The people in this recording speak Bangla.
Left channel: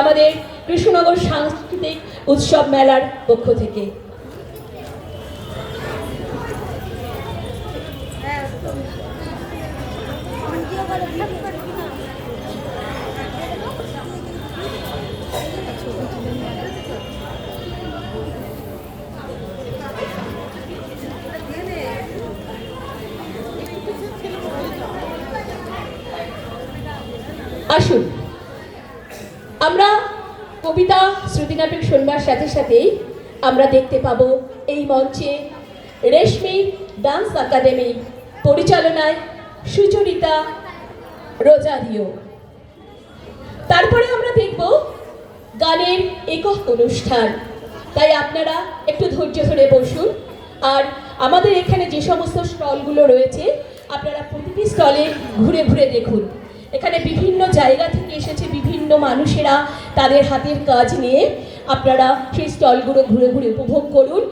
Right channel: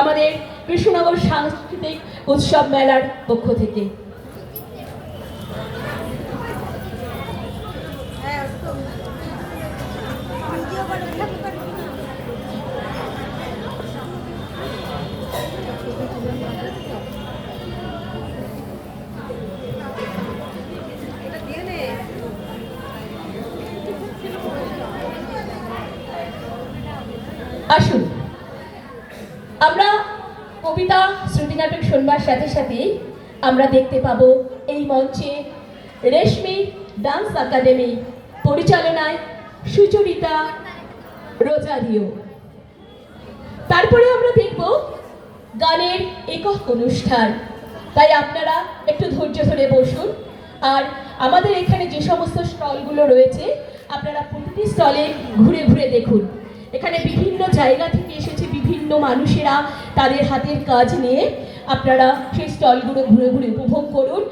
আমাদের কৃষ্ণনগর সাংস্কৃতিক উৎসব মেলার পক্ষ থেকে। আসুন আমরা কবিতা শ্রুতিনাটক শুনবার সাথে সাথেই আমরা দেখতে পাবো এই মঞ্চে রেশমি ডান্স একাডেমি পরিচালনায় সুচরিতা রোজারিও। তারপরে আমরা দেখব গানের একক অনুষ্ঠান। তাই আপনারা একটু ধৈর্য ধরে বসুন। আর আমাদের এখানে যে সমস্ত স্টলগুলো রয়েছে আপনারা প্রতিটি স্টলে ঘুরে ঘুরে দেখুন। এখানে বিভিন্ন জায়গা থেকে এসেছে বিভিন্ন মানুষেরা তাদের হাতের কাজ নিয়ে। আপনারা সেই স্টলগুলো ঘুরে ঘুরে উপভোগ করুন।